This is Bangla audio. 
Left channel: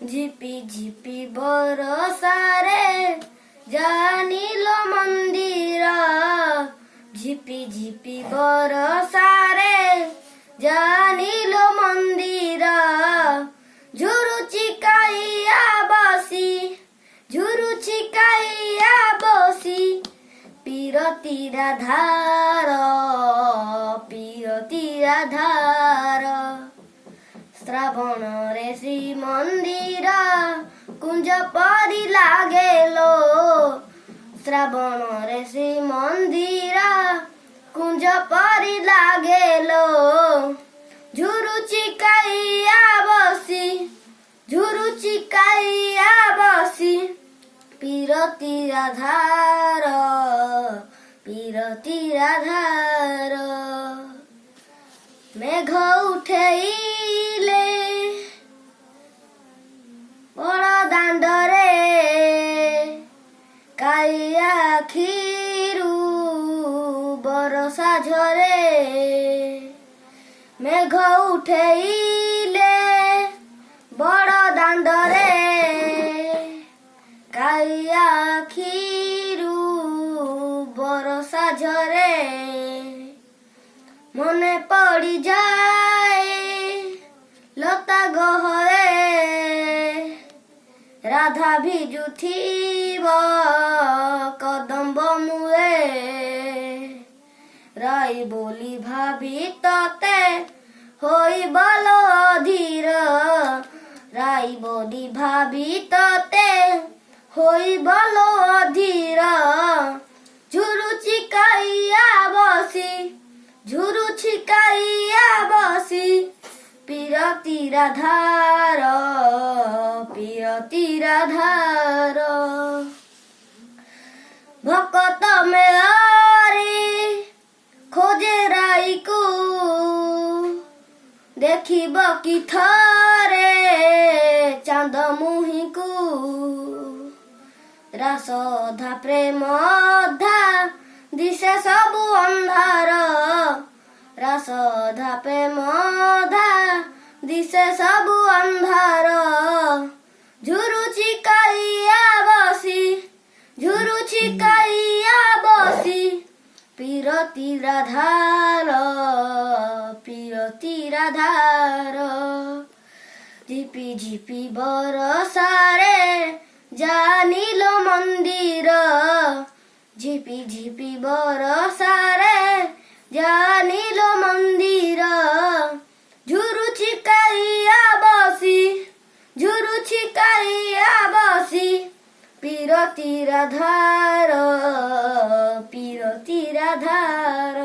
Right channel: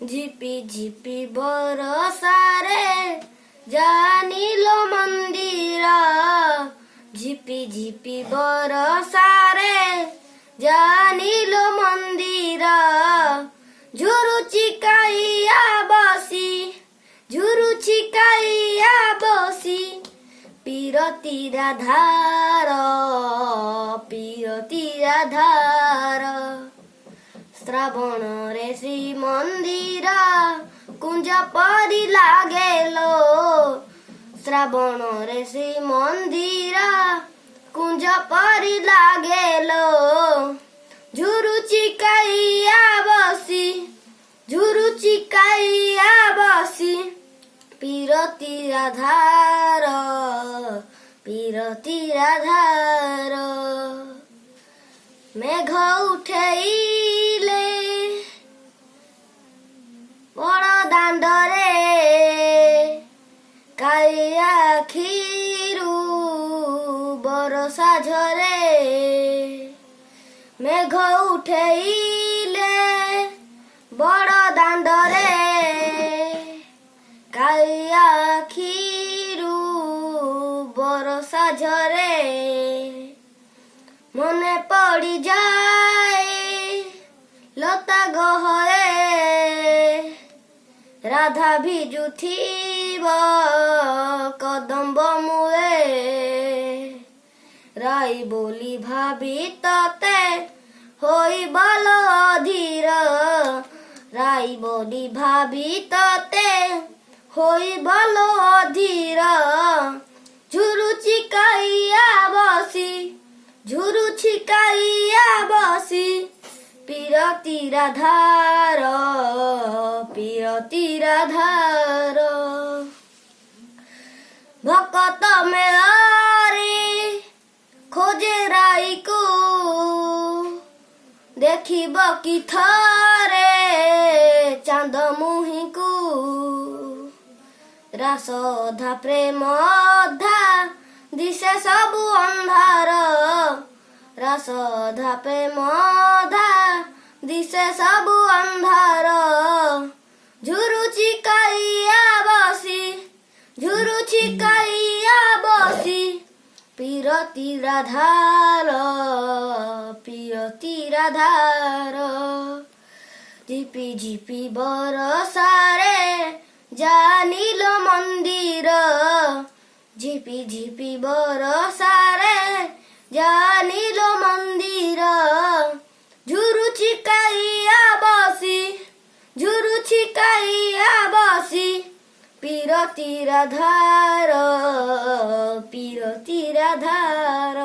ঝিপি ঝিপি বরসারে জানিল মন্দির, ঝিপি ঝিপি বরসারে জানিল মন্দির। ঝুরু চিকাইয়া বসি, ঝুরু চিকাইয়া বসি, পিরতির ধার, পিরতির ধার। শ্রাবণরে শ্রীমন্দির কুঞ্জ পরি লাগেলো, শ্রাবণরে শ্রীমন্দির কুঞ্জ পরি লাগেলো। ঝুরু চিকাইয়া বসি, ঝুরু চিকাইয়া বসি, পিরতির ধার, পিরতির ধার। মেঘ উঠেইলে বড় দাଣ୍ଡରେ କାଳିଆ ଆଖିରୁ ବରଷା ଝରେ। ମେଘ ଉଠେଇଲେ ବଡ଼ ଦାଣ୍ଡରେ କାଳିଆ ଆଖିରୁ ବରଷା ଝରେ। ମନେ ପଡ଼ିଯାଏ ଲତା ଗହରେ, ରାଧା ଭିଜୁଥିବ କଦମ୍ବ ମୂଳେ। ରାଇ ବୋଲି ଭାବି ତତେ ହୋଇବଲ ଅଧୀର, ରାଇ ବୋଲି ଭାବି ତତେ ହୋଇବଲ ଅଧୀର। ଝୁରୁ ଚିକାଇଆ ବସି, ଝୁରୁ ଚିକାଇଆ ବସି, পিরতির ধার, পিরতির ধার। ভকত মেলারি খোঁজে রাইকু, দেখিব কি থরে চাঁদ মুহিঁকু। রাসধা প্রেম অধা দিশে সবু ଅନ୍ଧାର, রাসধা প্রেম অধা দিশে সবু ଅନ୍ଧାର। ঝুরু চিকাইয়া বসি, ঝুরু চিকাইয়া বসি, পিরতির ধার, পিরতির ধার। ঝিপি ঝিপি বরসারে জানিল মন্দির, ঝিপি ঝিপি বরসারে জানিল মন্দির। ঝুরু চিকাইয়া বসি, ঝুরু চিকাইয়া বসি, পিরতির ধার, পিরতির ধার।